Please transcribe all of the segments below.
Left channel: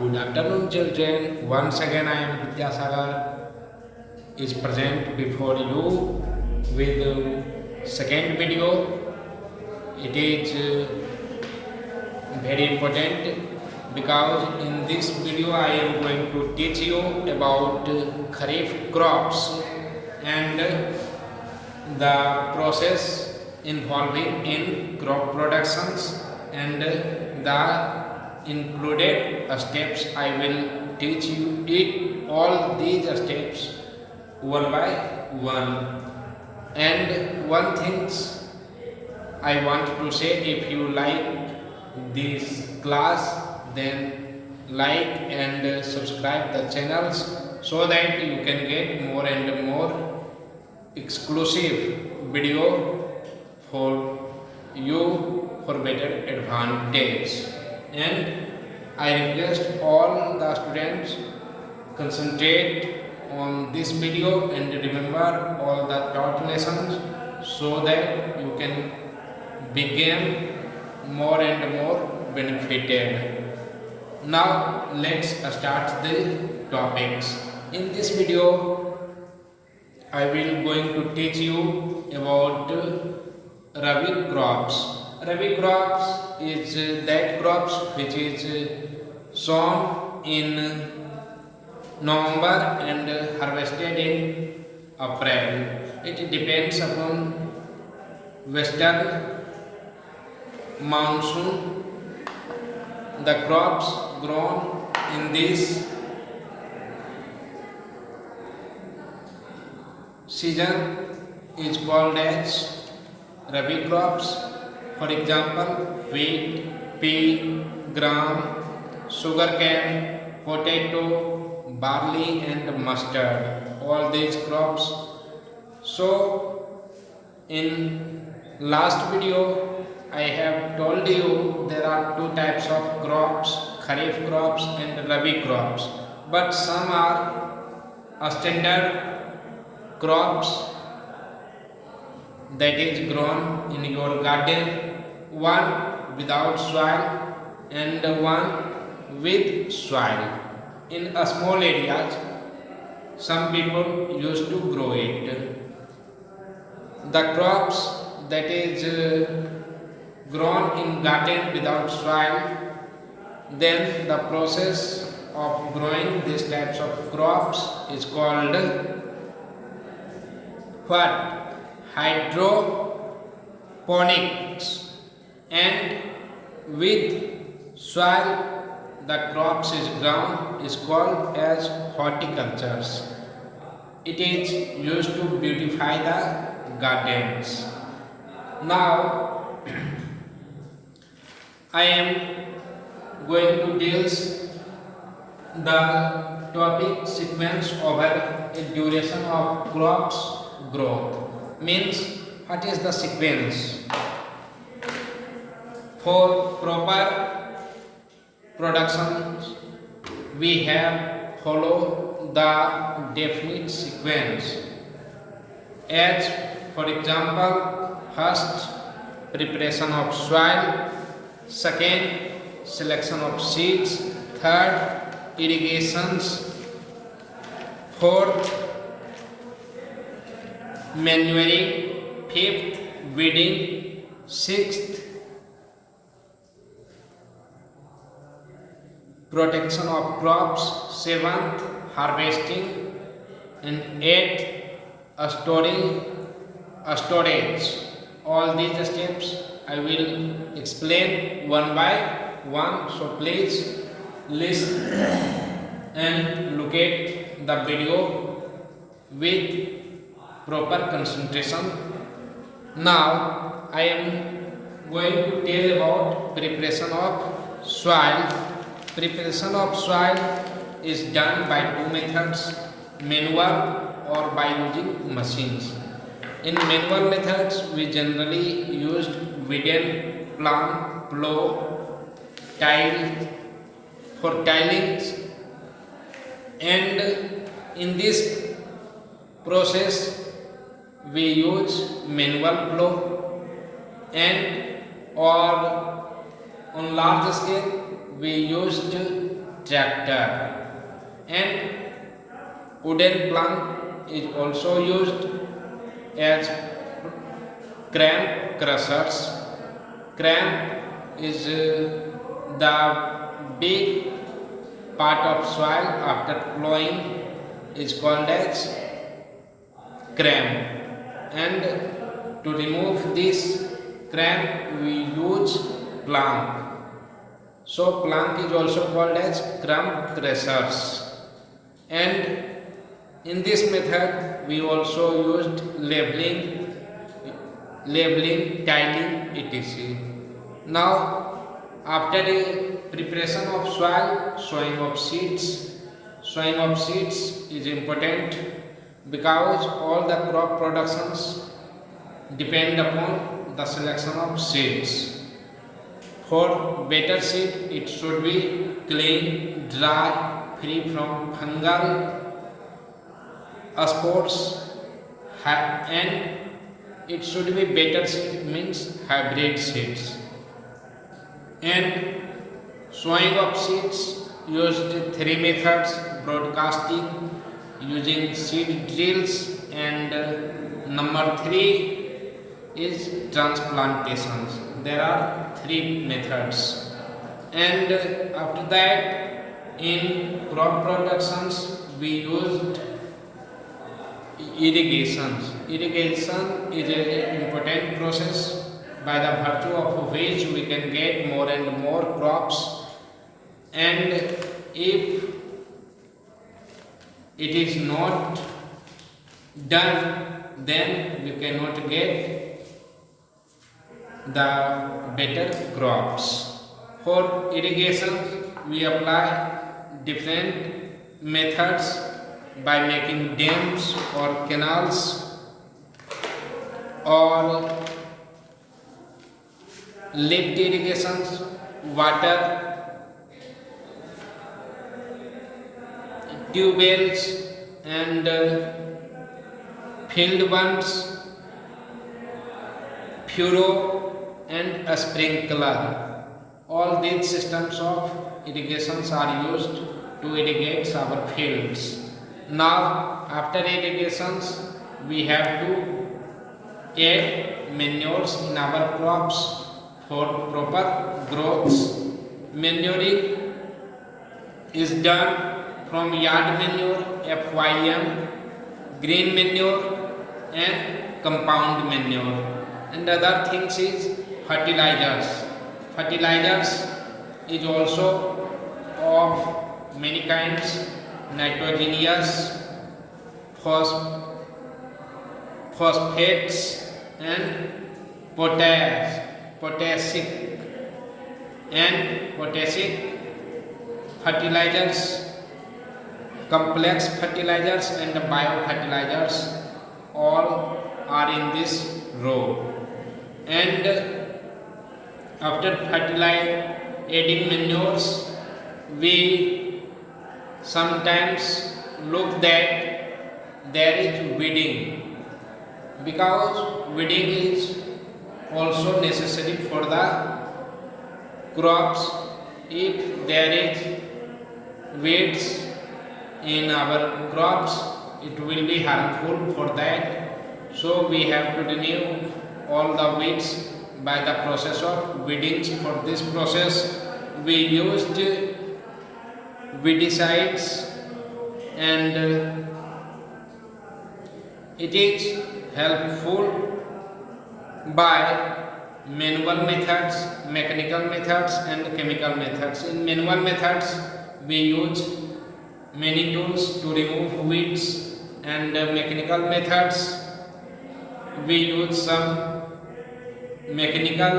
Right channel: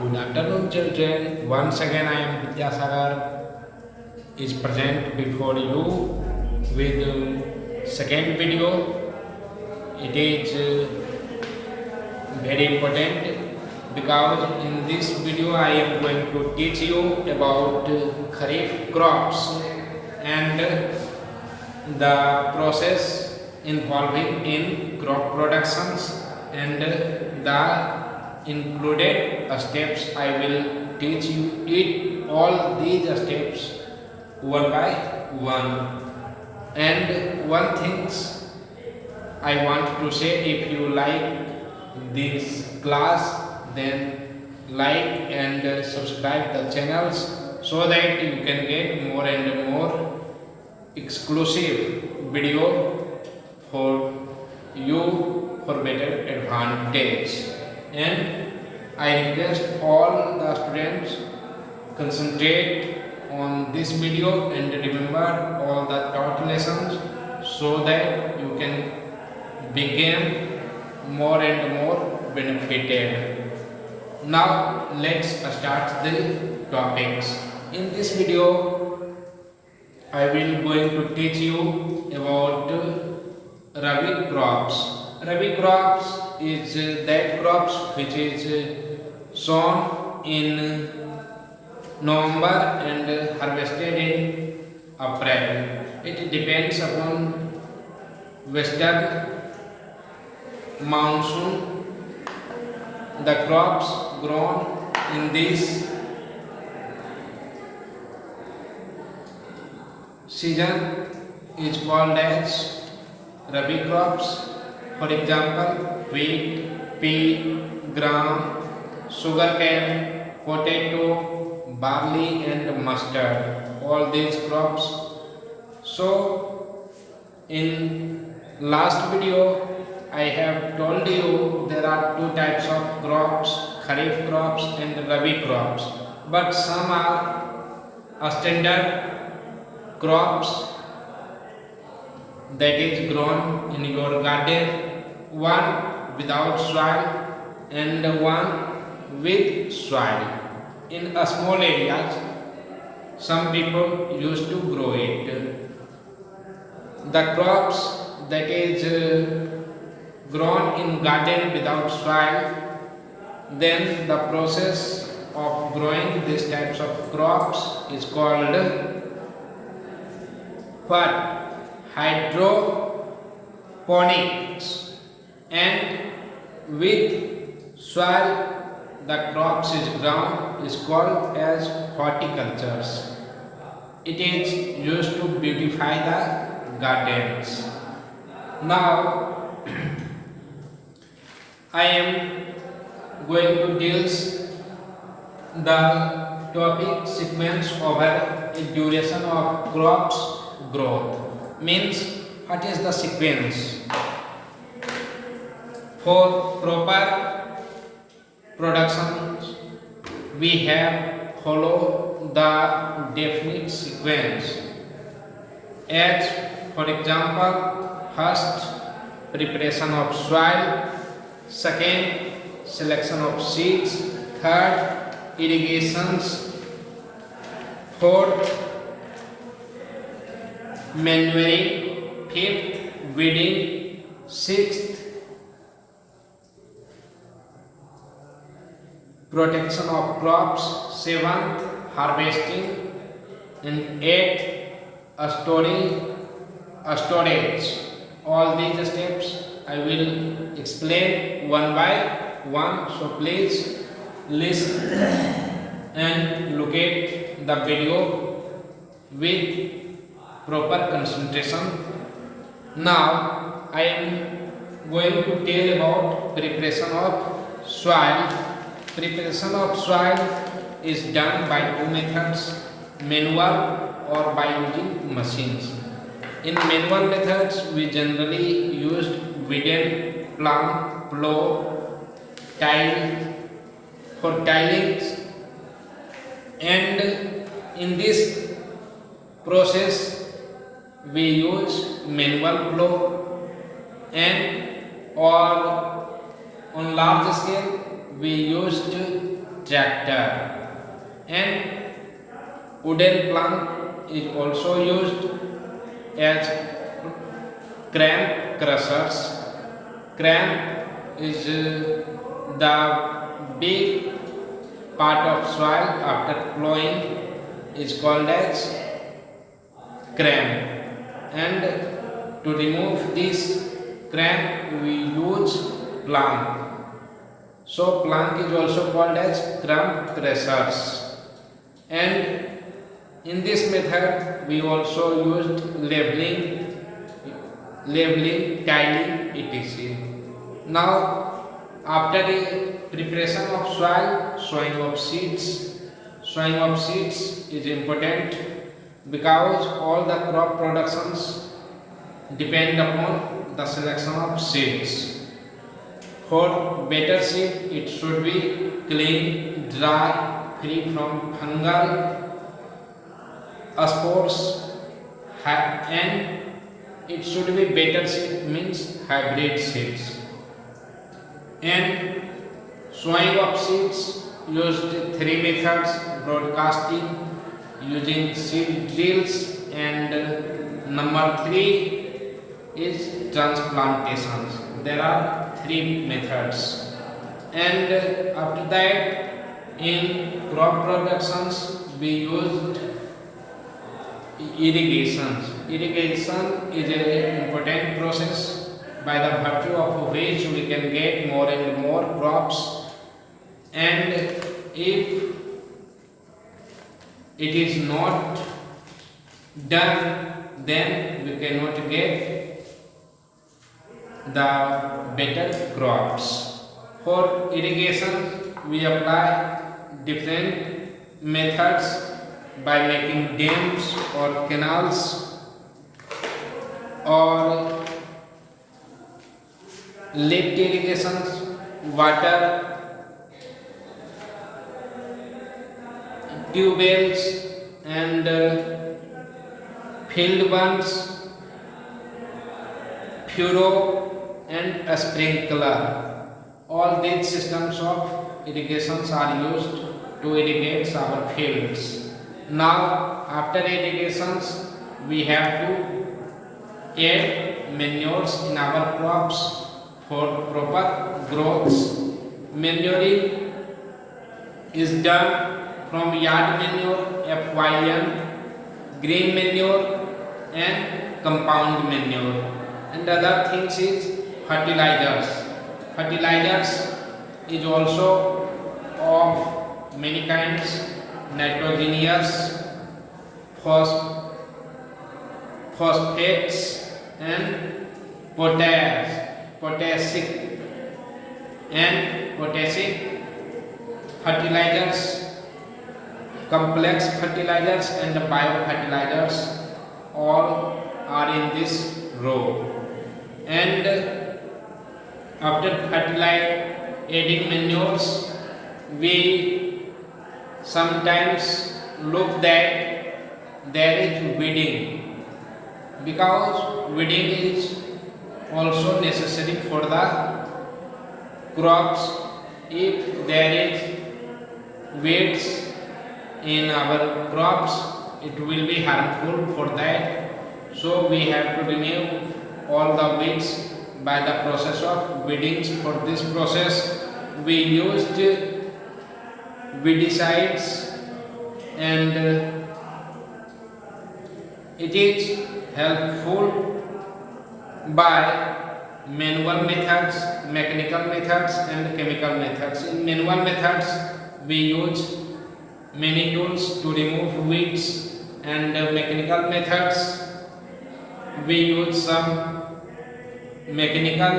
Good afternoon, children. Once again, I am Vidyasagar is present before you with second video. It is very important because in this video I am going to teach you about kharif crops and the process involving in crop productions and the included steps. I will teach you it all these steps one by one. And one things I want to say, if you like this class, then like and subscribe the channels so that you can get more and more exclusive video for you for better advantage. And I request all the students concentrate on this video and remember all the taught lessons so that you can become more and more benefited. Now let's start the topics. In this video I will going to teach you about Rabi crops. Rabi crops is that crops which is sown in November and harvested in April. It depends upon western monsoon. The crops grown in this season is called as Rabi crops. For example, wheat, pea, gram, sugarcane, potato, barley and mustard. All these crops. So in last video I have told you there are two types of crops, kharif crops and rabi crops. But some are standard crops that is grown in your garden, one without soil and one with soil. In a small areas, some people used to grow it. The crops that is grown in garden without soil, then the process of growing these types of crops is called what? Hydroponics. And with soil the crops is grown is called as horticultures. It is used to beautify the gardens. Now I am going to deal the topic sequence over a duration of crops growth. Means what is the sequence? For proper production we have follow the definite sequence. As for example, first preparation of soil, second selection of seeds, third irrigations, fourth manuring, fifth weeding, sixth protection of crops, seventh harvesting, and eighth storage. All these steps I will explain one by one, so please listen and look at the video with proper concentration. Now I am going to tell about preparation of soil. Preparation of soil is done by two methods, manual or by using machines. In manual methods we generally used wooden plank, plow, tile for tiling, and in this process we use manual plow, and or on large scale we used tractor. And wooden plank is also used as cram crushers. Cram is the big part of soil after plowing is called as cram, and to remove this cram we use plank. So plank is also called as cram crushers. And in this method we also used leveling, tiling, etc. Now after the preparation of soil, sowing of seeds. Sowing of seeds is important because all the crop productions depend upon the selection of seeds. For better seed, it should be clean, dry, free from fungal spores, and it should be better seed means hybrid seeds. And sowing of seeds used 3 methods: broadcasting, using seed drills, and number 3 is transplantations. There are 3 methods. And after that, in crop productions we used irrigation. Irrigation is an important process by the virtue of which we can get more and more crops, and if it is not done, then we cannot get the better crops. For irrigation we apply different methods by making dams or canals, or lift irrigations, water tube wells, and field bunds, furrow, and a sprinkler. All these systems of irrigations are used to irrigate our fields. Now after irrigations we have to add manures in our crops for proper growth. Manuring is done from yard manure, FYM, green manure, and compound manure. And other things is fertilizers. Fertilizers is also of many kinds: nitrogenous, phosphates, and potassic fertilizers, complex fertilizers, and biofertilizers. All are in this row. And after adding manures, we sometimes look that there is weeding, because weeding is also necessary for the crops. If there is weeds in our crops, it will be harmful for that. So we have to remove all the weeds by the process of weeding. For this process we used weedicides, and it is helpful by manual methods, mechanical methods, and chemical methods. In manual methods we use many tools to remove weeds, and mechanical methods we use some mechanical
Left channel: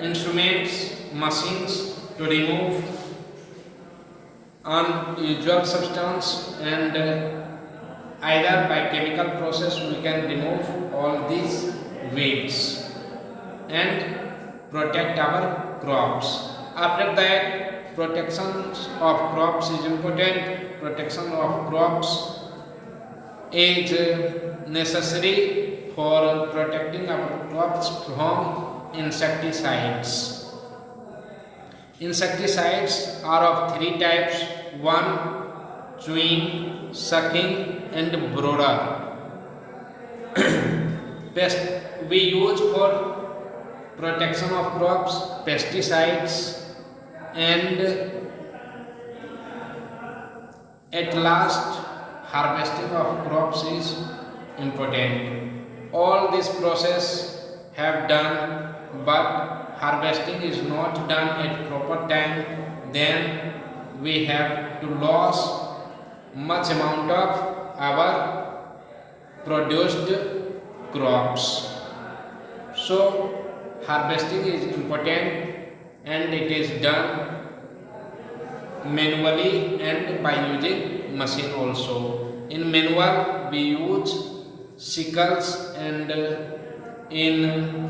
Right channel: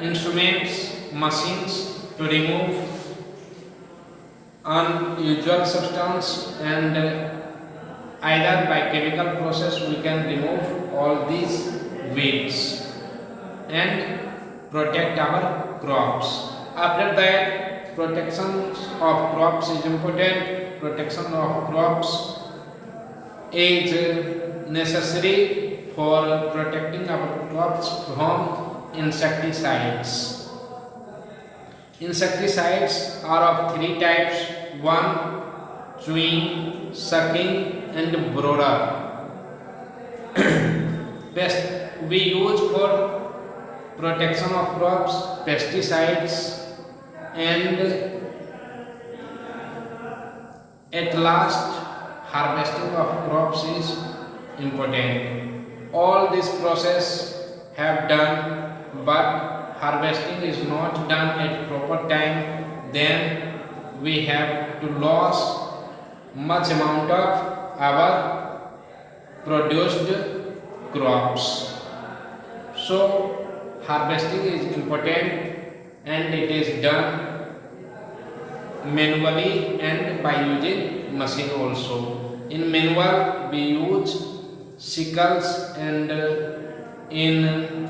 instruments, machines, to remove unusual substance, and either by chemical process we can remove all these weeds and protect our crops. After that, protection of crops is important. Protection of crops is necessary for protecting our crops from insecticides. Insecticides are of three types: one, chewing, sucking, and brooder. We use for protection of crops pesticides, and at last harvesting of crops is important. All this process have done, but harvesting is not done at proper time, then we have to lose much amount of our produced crops. So harvesting is important, and it is done manually and by using machine also. In manual we use sickles, and in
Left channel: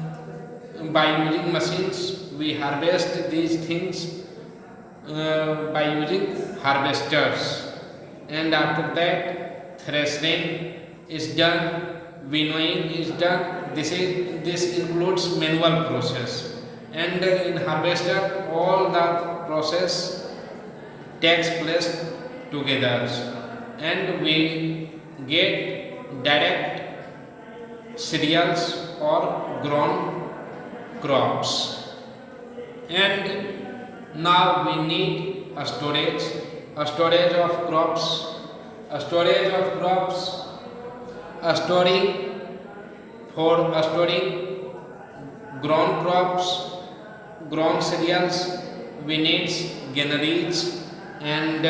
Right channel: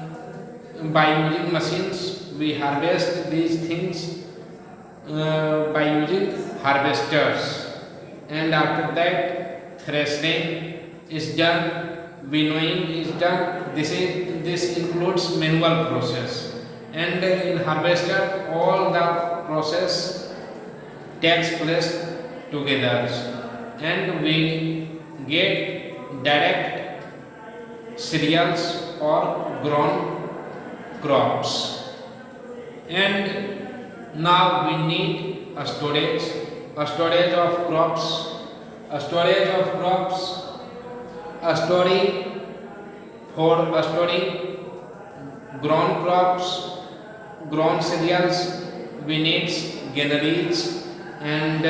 by using machines we harvest these things by using harvesters, and after that threshing is done, winnowing is done. This includes manual process, and in harvester all the process takes place together, and we get direct cereals or grown crops. And now we need a storage of crops, a storage of crops, a storing grown crops, grown cereals. We need granaries and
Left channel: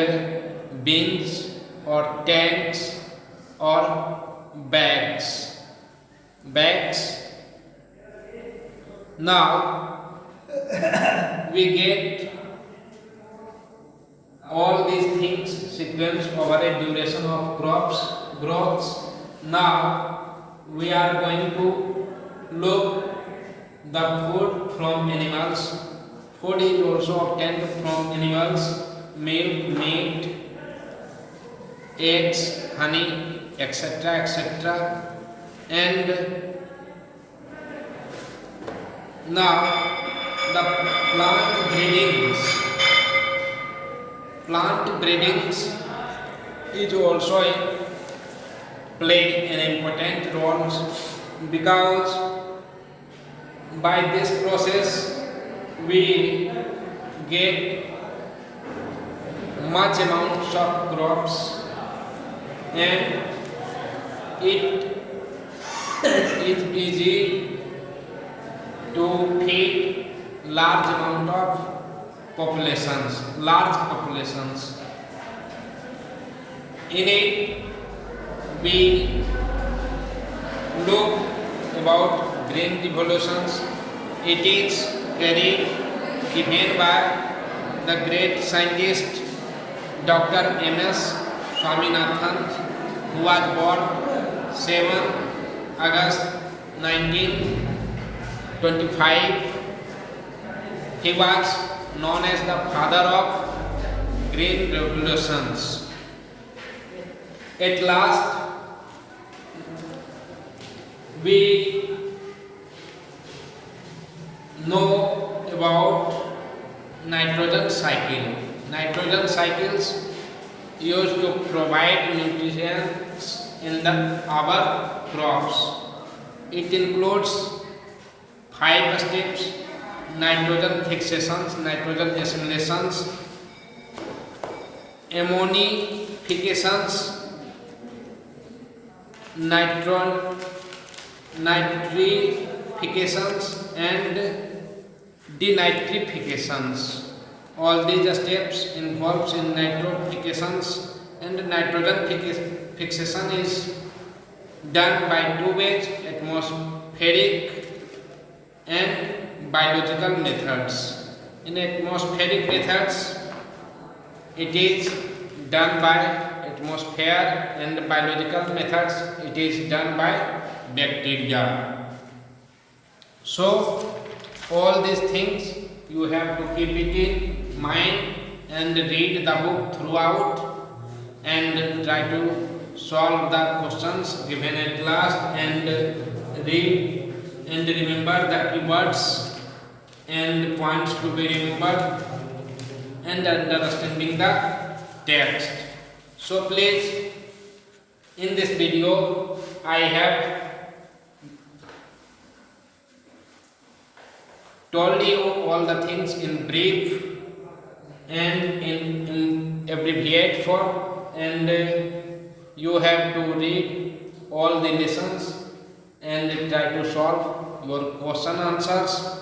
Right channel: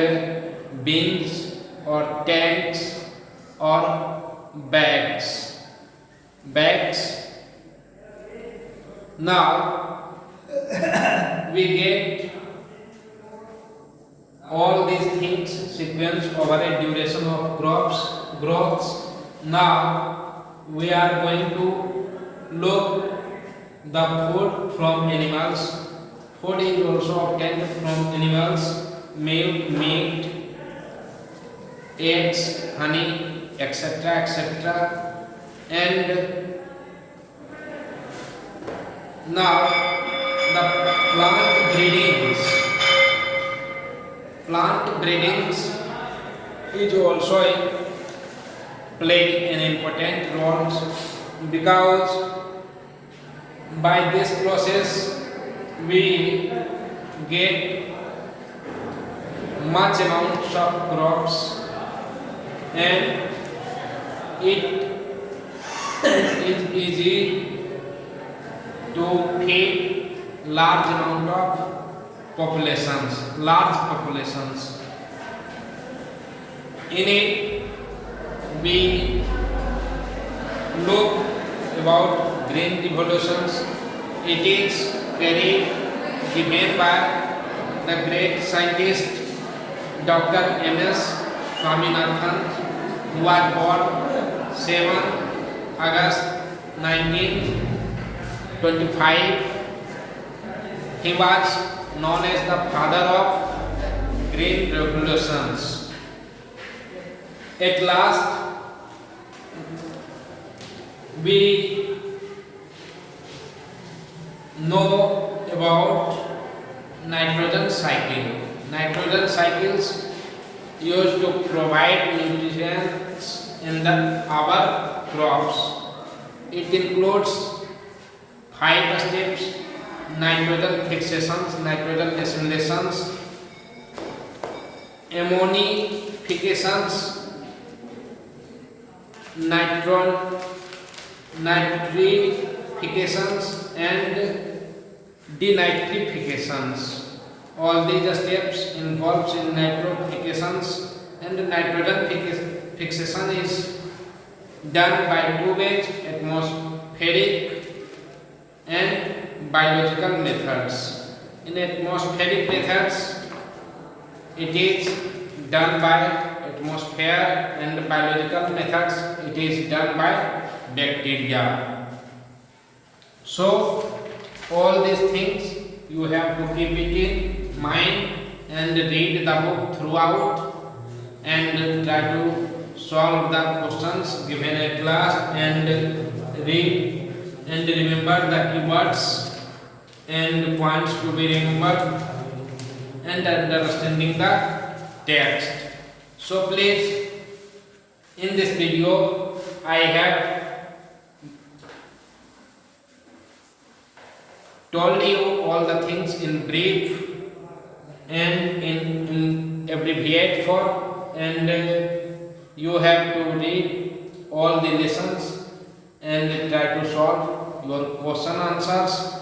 bins or tanks or bags. Now we get all these things sequence over a duration of growths. Now we are going to look the food from animals. Food is also obtained from animals: milk, meat, eggs, honey, etc. And now the plant breedings is also play an important role, because by this process we get much amounts of crops, and it is easy to feed large amount of large populations. In it we look about green revolutions. It is given by the great scientist Dr. M.S. Swaminathan, who was born 7 August 1925. He was known as the father of green revolutions. At last, we know about nitrogen cycle. Nitrogen cycles used to provide nutrients in our crops. It includes 5 steps: nitrogen fixations, nitrogen assimilations, ammonifications, nitrifications, and denitrifications. All these steps involves in nitrifications, and nitrogen fixation is done by two ways: atmospheric and biological methods. In atmospheric methods, it is done by atmosphere, and biological methods, it is done by bacteria. So all these things you have to keep it in mind and read the book throughout, and try to solve the questions given at class, and read and remember the keywords and points to be remembered, and understanding the text. So please, in this video I have told you all the things in brief and in abbreviate form, and you have to read all the lessons and try to solve your question answers.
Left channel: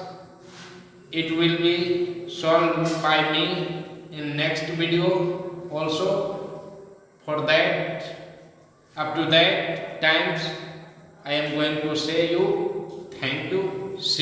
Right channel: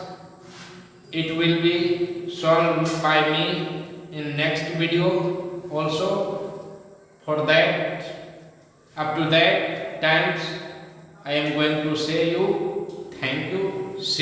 It will be solved by me in next video also. For that, up to that times, I am going to say you thank you. See